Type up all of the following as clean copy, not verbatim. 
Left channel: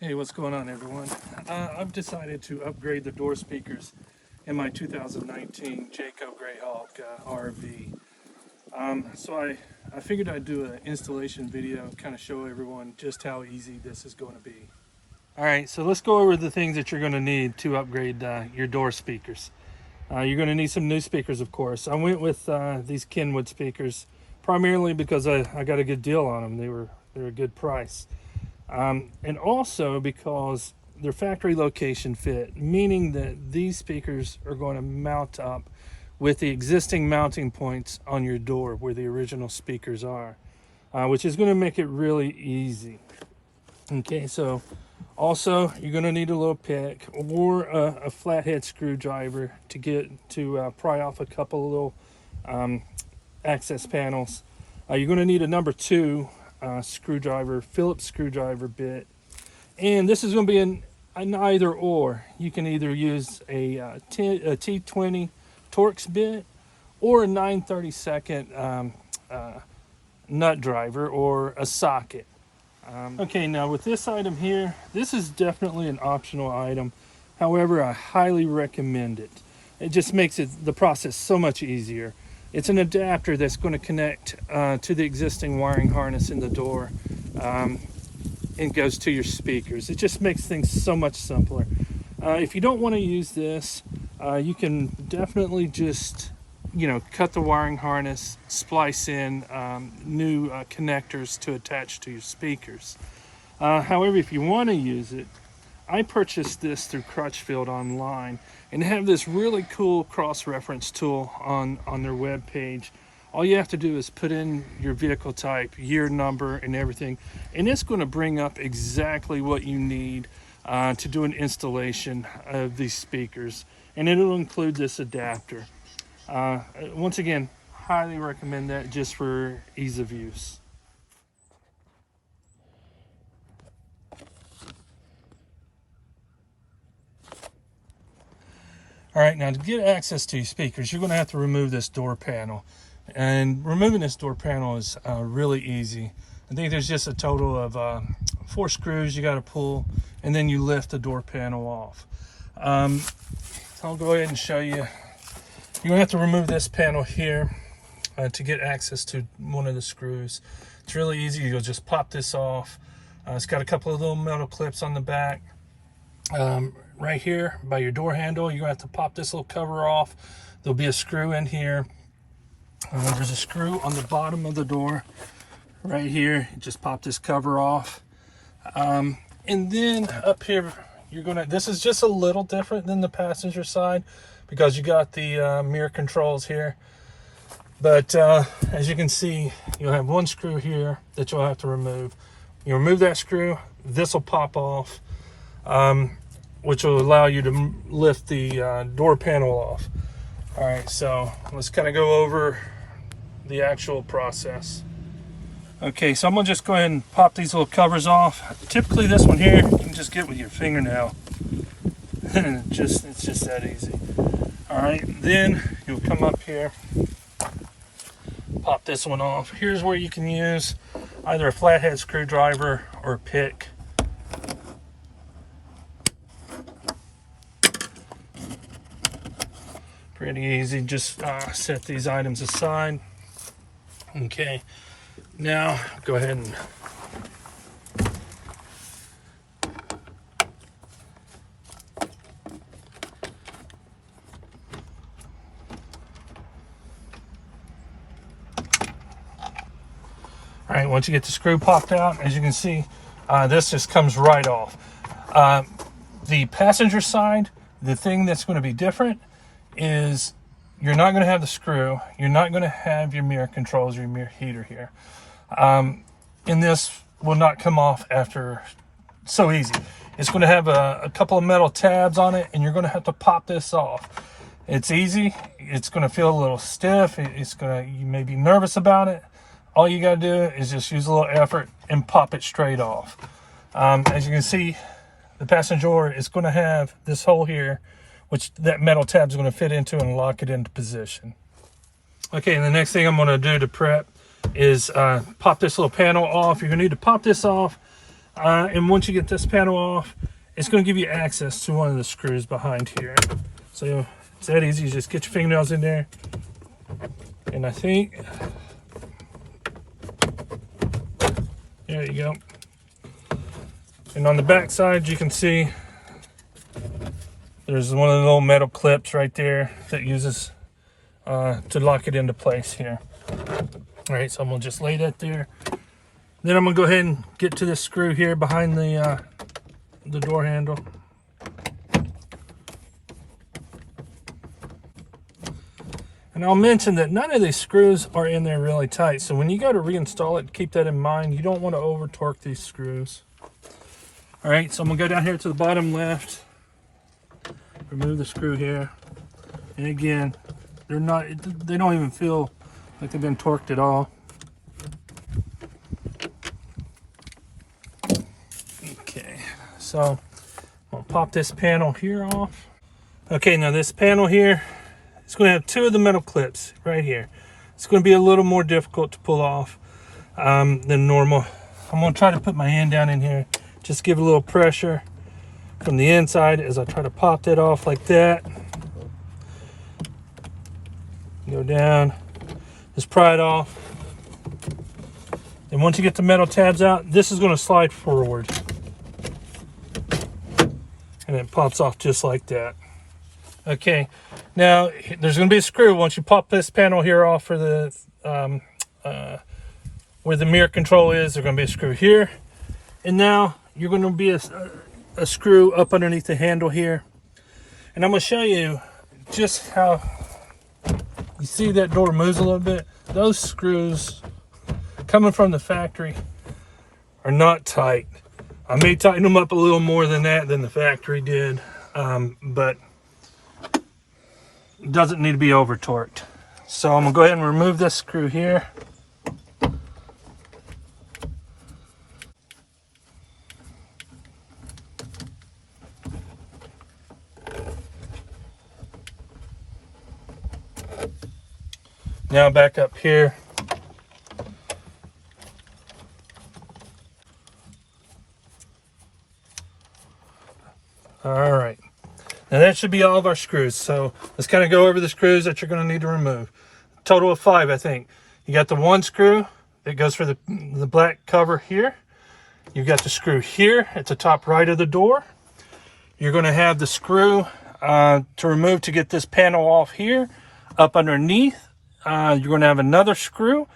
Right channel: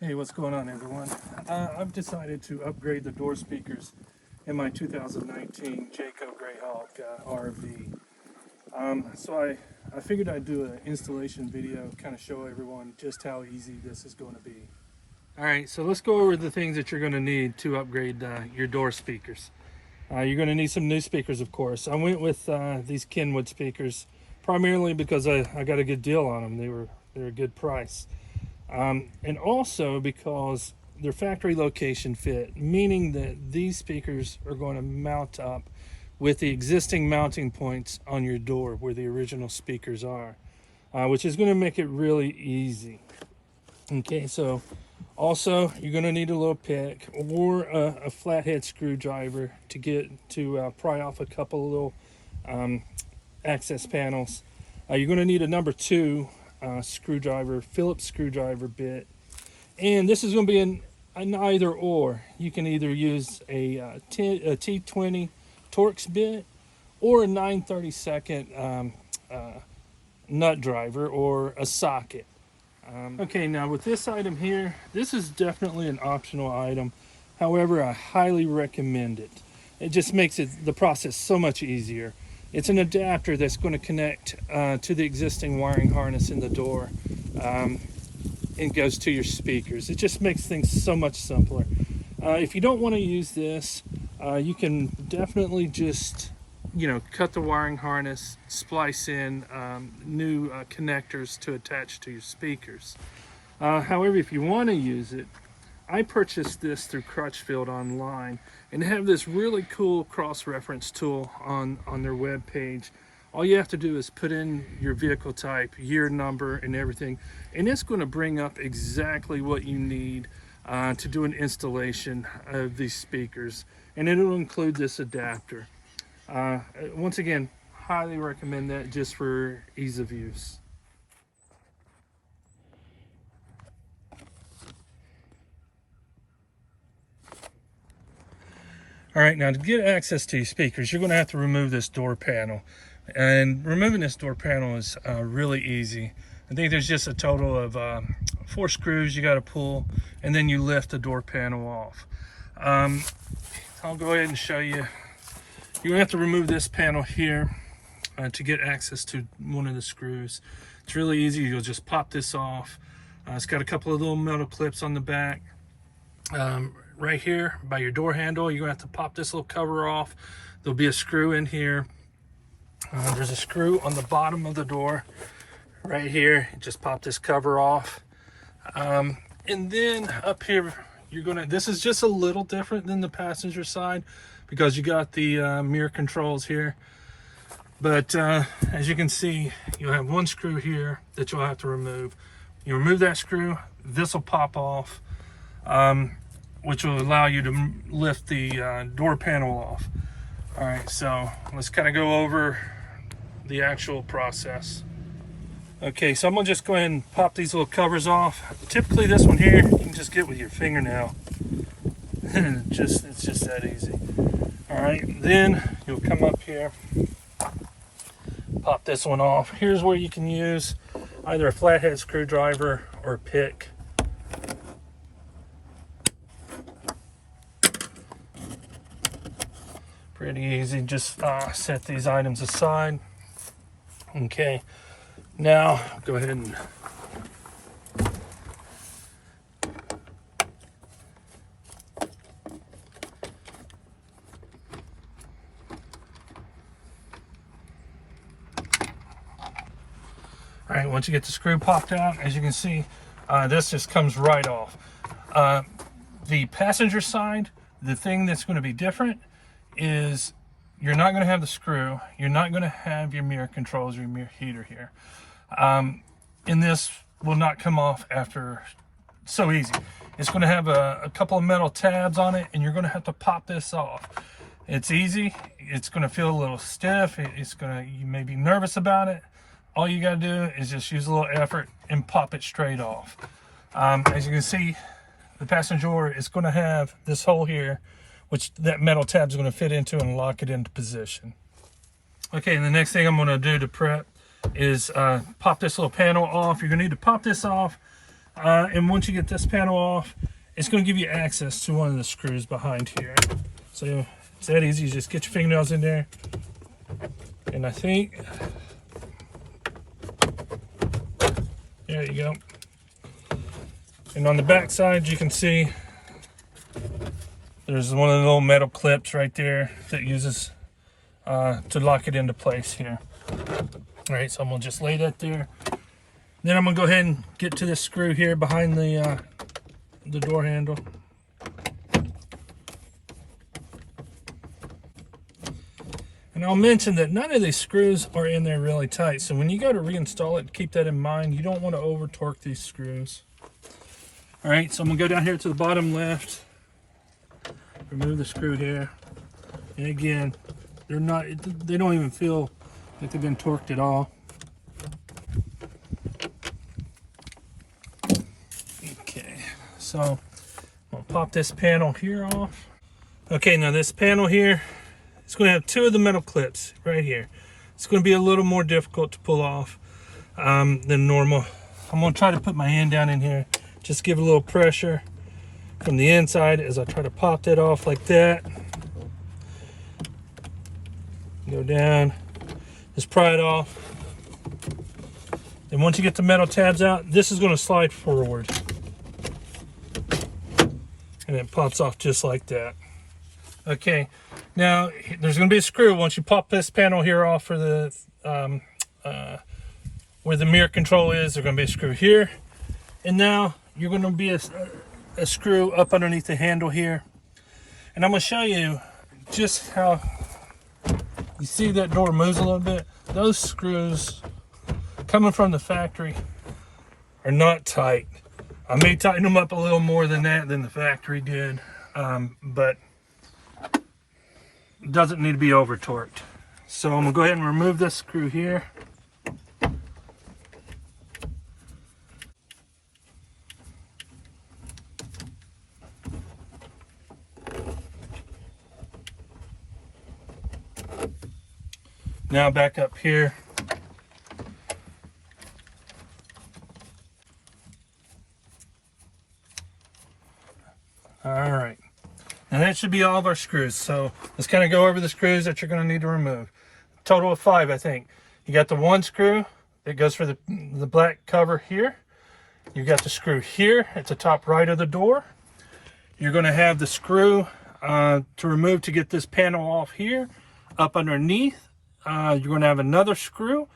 Hey, what's going on, everyone? I've decided to upgrade the door speakers in my 2019 Jayco Greyhawk RV. So I figured I'd do an installation video and kind of show everyone just how easy this is going to be. All right, so let's go over the things that you're going to need to upgrade your door speakers. You're going to need some new speakers, of course. I went with these Kenwood speakers primarily because I got a good deal on them. They're a good price. And also because they're factory location fit, meaning that these speakers are going to mount up with the existing mounting points on your door where the original speakers are, which is going to make it really easy. Okay, so also you're going to need a little pick or a flathead screwdriver to pry off a couple of little access panels. You're going to need a number 2 screwdriver, Phillips screwdriver bit, and this is going to be an either or. You can either use a T20 Torx bit or a 9/32 nut driver or a socket. Okay, now with this item here, this is definitely an optional item. However, I highly recommend it. It just makes the process so much easier. It's an adapter that's going to connect to the existing wiring harness in the door and goes to your speakers. It just makes things so much simpler. If you don't want to use this, you can definitely just, cut the wiring harness, splice in new connectors to attach to your speakers. However, if you want to use it, I purchased this through Crutchfield online, and they have this really cool cross-reference tool on their web page. All you have to do is put in your vehicle type, year number, and everything, and it's going to bring up exactly what you need to do an installation of these speakers, and it'll include this adapter. Once again, highly recommend that just for ease of use. All right, now to get access to your speakers, you're going to have to remove this door panel. And removing this door panel is really easy. I think there's just a total of 4 screws you got to pull, and then you lift the door panel off. I'll go ahead and show you. You're going to have to remove this panel here to get access to one of the screws. It's really easy. You'll just pop this off. It's got a couple of little metal clips on the back. Right here by your door handle, you're going to have to pop this little cover off. There'll be a screw in here. There's a screw on the bottom of the door right here. You just pop this cover off. And then up here, this is just a little different than the passenger side because you got the mirror controls here. But as you can see, you'll have one screw here that you'll have to remove. You remove that screw, this will pop off, which will allow you to lift the door panel off. All right, so let's kind of go over the actual process. Okay, so I'm gonna just go ahead and pop these little covers off. Typically this one here, you can just get with your fingernail. It's just that easy. All right, then you'll come up here, pop this one off. Here's where you can use either a flathead screwdriver or a pick. Pretty easy, just set these items aside. Okay, now go ahead and all right, once you get the screw popped out, as you can see, this just comes right off. The passenger side, the thing that's going to be different is you're not going to have the screw, you're not going to have your mirror controls, your mirror heater here. And this will not come off after so easy. It's going to have a couple of metal tabs on it, and you're going to have to pop this off. It's easy. It's going to feel a little stiff. You may be nervous about it. All you got to do is just use a little effort and pop it straight off. As you can see, the passenger door is going to have this hole here, which that metal tab is going to fit into and lock it into position. Okay, and the next thing I'm going to do to prep is pop this little panel off. You're going to need to pop this off And once you get this panel off, it's going to give you access to one of the screws behind here. So it's that easy. You just get your fingernails in there. And I think, there you go. And on the back side, you can see there's one of the little metal clips right there that uses to lock it into place here. All right, so I'm gonna just lay that there. Then I'm gonna go ahead and get to this screw here behind the door handle. And I'll mention that none of these screws are in there really tight. So when you go to reinstall it, keep that in mind. You don't want to over torque these screws. All right, so I'm gonna go down here to the bottom left, remove the screw here. And again, they don't even feel like they've been torqued at all. Okay, so I'm gonna pop this panel here off. Okay, now this panel here, it's going to have two of the metal clips right here. It's going to be a little more difficult to pull off than normal. I'm going to try to put my hand down in here, just give a little pressure from the inside as I try to pop that off like that. Go down, just pry it off. And once you get the metal tabs out, this is going to slide forward. And it pops off just like that. Okay, now there's going to be a screw once you pop this panel here off for the where the mirror control is. There's going to be a screw here, and now you're going to be a screw up underneath the handle here. And I'm going to show you just how you see that door moves a little bit. Those screws coming from the factory are not tight. I may tighten them up a little more than that than the factory did, but it doesn't need to be over torqued. So I'm gonna go ahead and remove this screw here. Now back up here. All right. Now that should be all of our screws. So let's kind of go over the screws that you're going to need to remove. Total of 5, I think. You got the one screw that goes for the black cover here. You got the screw here at the top right of the door. You're going to have the screw to remove to get this panel off here. Up underneath, you're going to have another screw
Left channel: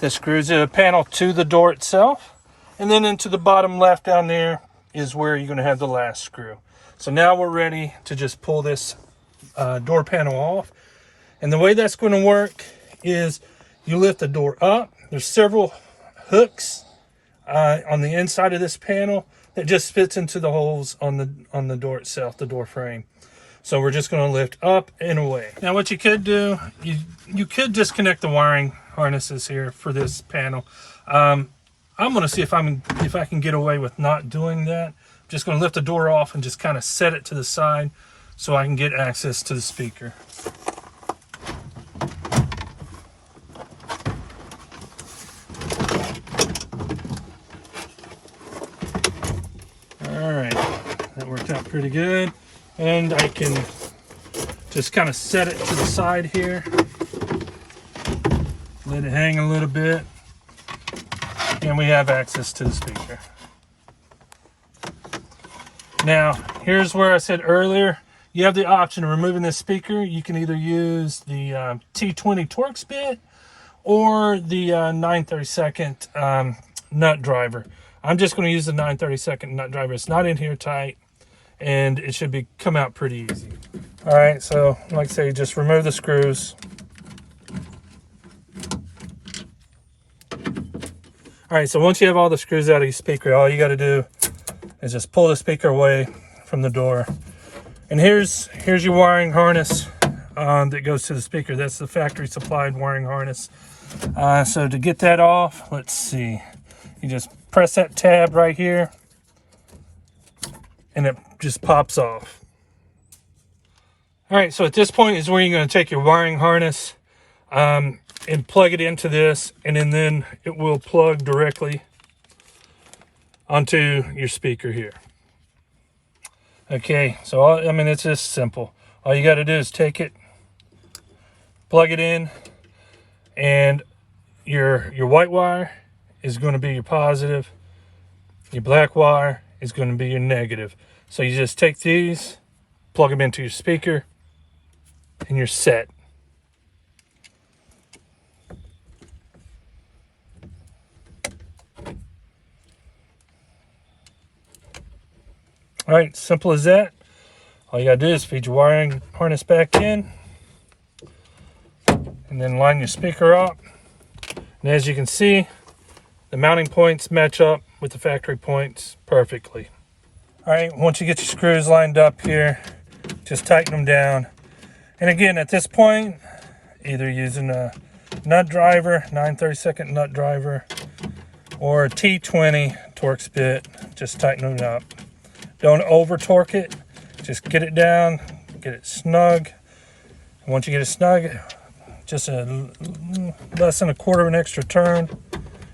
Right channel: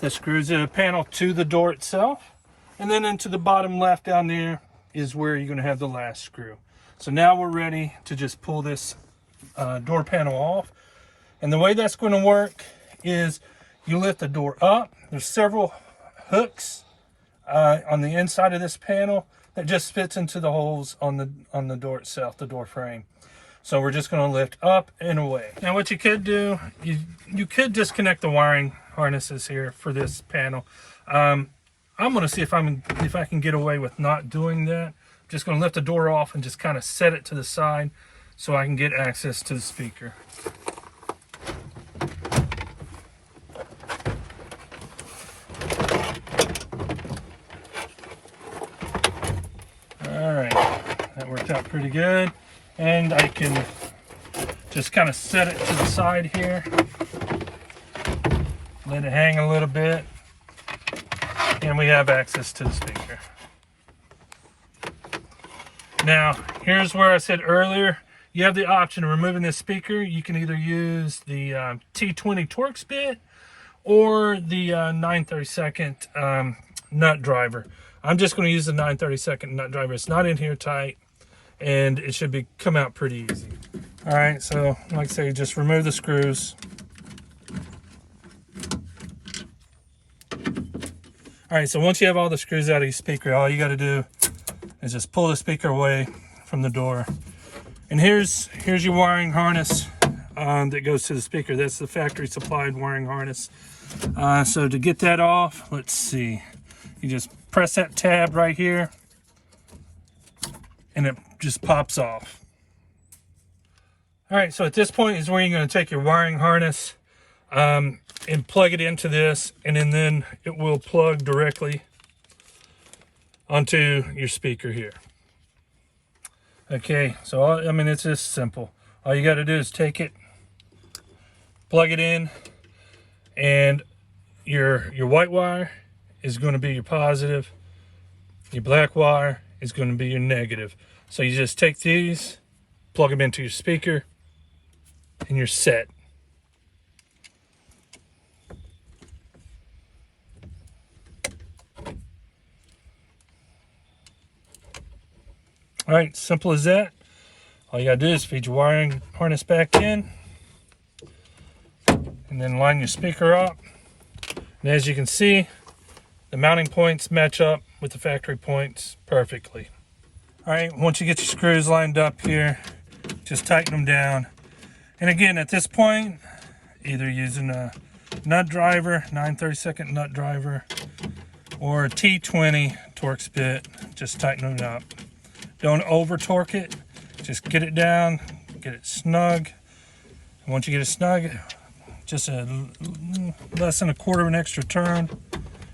that screws the panel to the door itself. And then into the bottom left down there is where you're going to have the last screw. So now we're ready to just pull this door panel off. And the way that's going to work is you lift the door up. There's several hooks on the inside of this panel that just fits into the holes on the door itself, the door frame. So we're just going to lift up and away. Now what you could do, you could disconnect the wiring harnesses here for this panel. I'm going to see if I can get away with not doing that. Just going to lift the door off and just kind of set it to the side so I can get access to the speaker. All right, that worked out pretty good. And I can just kind of set it to the side here. Let it hang a little bit. And we have access to the speaker. Now, here's where I said earlier, you have the option of removing this speaker. You can either use the T20 Torx bit or the 9/32 nut driver. I'm just going to use the 9/32 nut driver. It's not in here tight, and it should come out pretty easy. All right, so like I say, just remove the screws. All right, so once you have all the screws out of your speaker, all you got to do is just pull the speaker away from the door. And here's your wiring harness that goes to the speaker. That's the factory supplied wiring harness. So to get that off, let's see. You just press that tab right here and it just pops off. All right, so at this point is where you're going to take your wiring harness and plug it into this, and then it will plug directly onto your speaker here. Okay, so I mean, it's just simple. All you got to do is take it, plug it in, and your white wire is going to be your positive, your black wire is going to be your negative. So you just take these, plug them into your speaker, and you're set. All right, simple as that. All you gotta do is feed your wiring harness back in, and then line your speaker up. And as you can see, the mounting points match up with the factory points perfectly. All right, once you get your screws lined up here, just tighten them down. And again, at this point, either using a nut driver, 9/32 nut driver, or a T20 Torx bit, just tighten it up. Don't over torque it, just get it down, get it snug. And once you get it snug, just less than a quarter of an extra turn,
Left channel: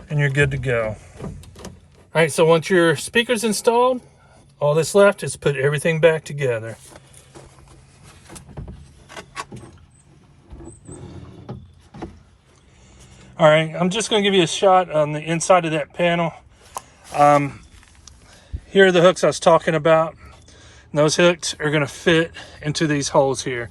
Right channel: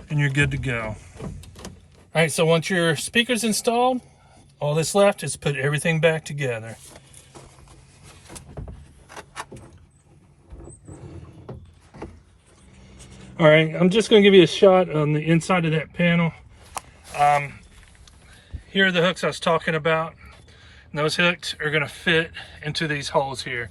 and you're good to go. All right, so once your speaker's installed, all that's left is put everything back together. All right, I'm just going to give you a shot on the inside of that panel. Here are the hooks I was talking about. And those hooks are going to fit into these holes here.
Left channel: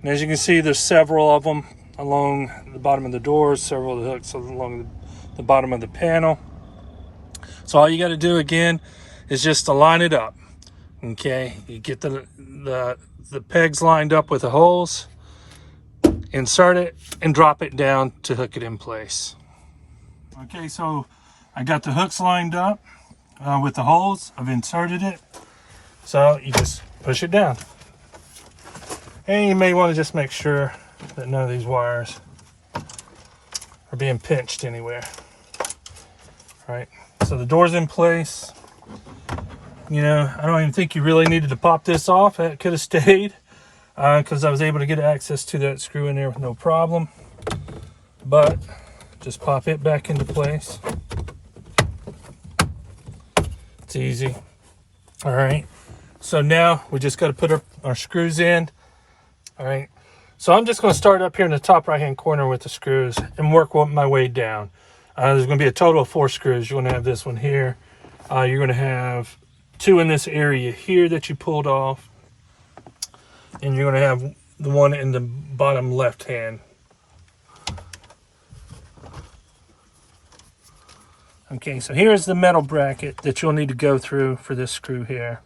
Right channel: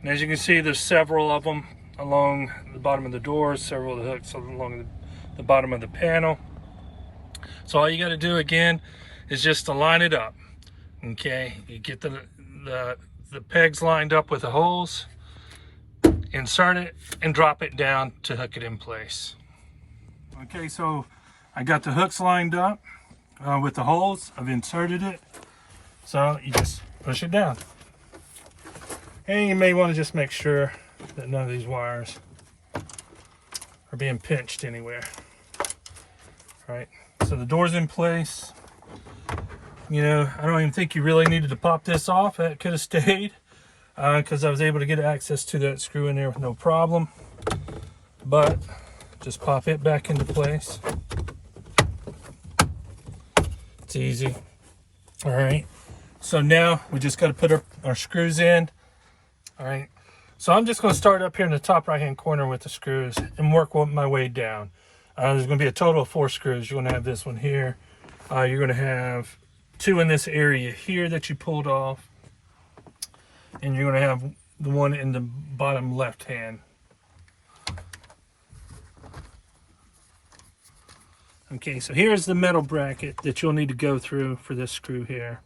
And as you can see, there's several of them along the bottom of the doors, several of the hooks along the bottom of the panel. So all you got to do again is just to line it up. Okay, you get the pegs lined up with the holes, insert it, and drop it down to hook it in place. Okay, so I got the hooks lined up with the holes. I've inserted it. So you just push it down. And you may want to just make sure that none of these wires are being pinched anywhere. All right, so the door's in place. You know, I don't even think you really needed to pop this off. It could have stayed because I was able to get access to that screw in there with no problem. But just pop it back into place. It's easy. All right, so now we just got to put our screws in. All right, so I'm just going to start up here in the top right hand corner with the screws and work my way down. There's going to be a total of 4 screws. You're going to have this one here. You're going to have 2 in this area here that you pulled off, and you're going to have the one in the bottom left hand. Okay, so here's the metal bracket that you'll need to go through for this screw here.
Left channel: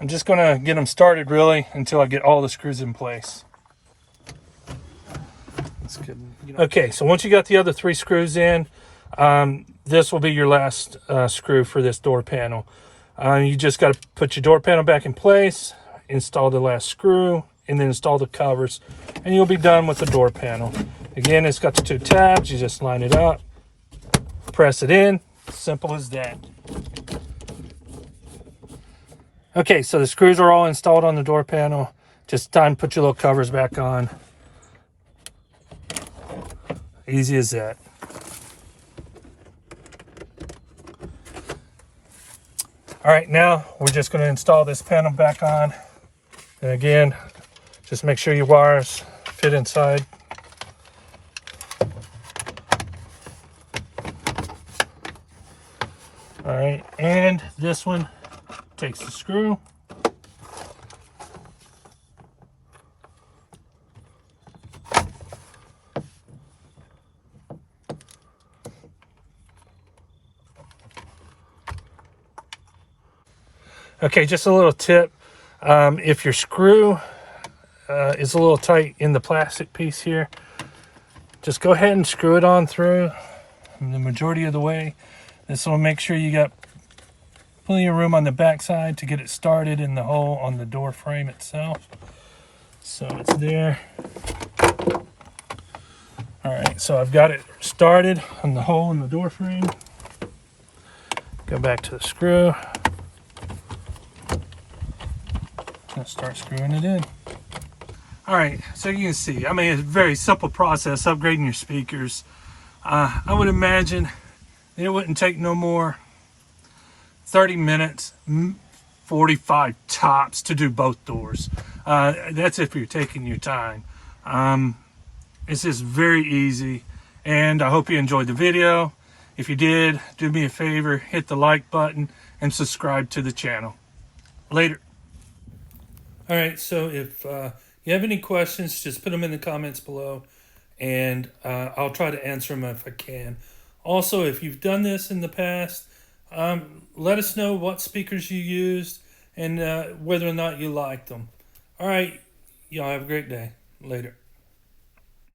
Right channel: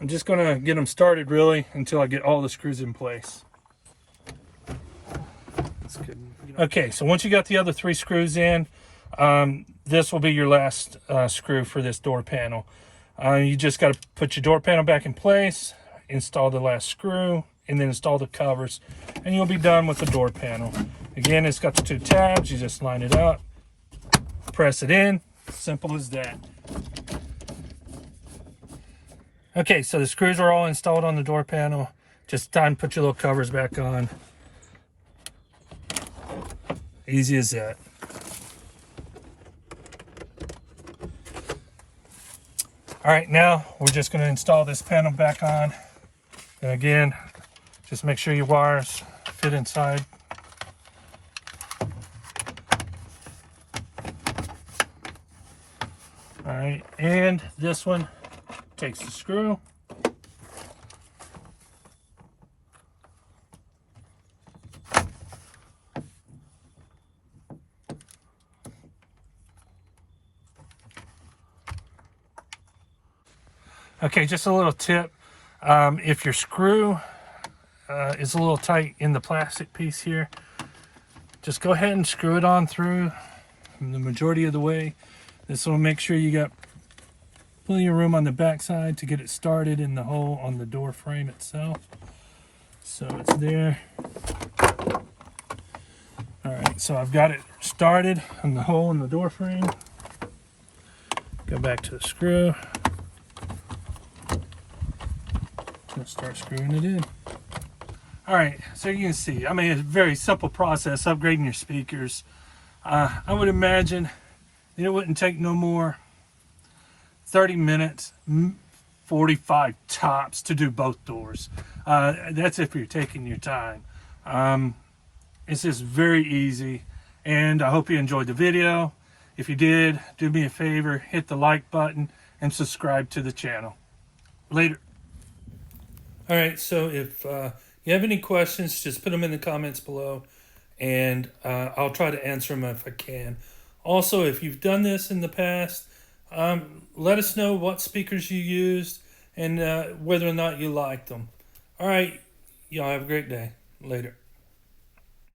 I'm just going to get them started really until I get all the screws in place. That's good. Okay, so once you got the other 3 screws in, this will be your last screw for this door panel. You just got to put your door panel back in place, install the last screw, and then install the covers, and you'll be done with the door panel. Again, it's got the 2 tabs. You just line it up, press it in. Simple as that. Okay, so the screws are all installed on the door panel. Just time to put your little covers back on. Easy as that. All right, now we're just going to install this panel back on. And again, just make sure your wires fit inside. All right, and this one takes the screw. Okay, just a little tip. If your screw is a little tight in the plastic piece here, just go ahead and screw it on through the majority of the way. This will make sure you got plenty of room on the back side to get it started in the hole on the door frame itself. So it's there. All right, so I've got it started on the hole in the door frame. Go back to the screw. Let's start screwing it in. All All right, so you can see, I mean, it's a very simple process, upgrading your speakers. I would imagine it wouldn't take no more 30 minutes, 45 tops to do both doors. That's if you're taking your time. It's just very easy, and I hope you enjoyed the video. If you did, do me a favor, hit the like button and subscribe to the channel. Later. All right, so if you have any questions, just put them in the comments below, and I'll try to answer them if I can. Also, if you've done this in the past, let us know what speakers you used and whether or not you liked them. All right, y'all have a great day. Later.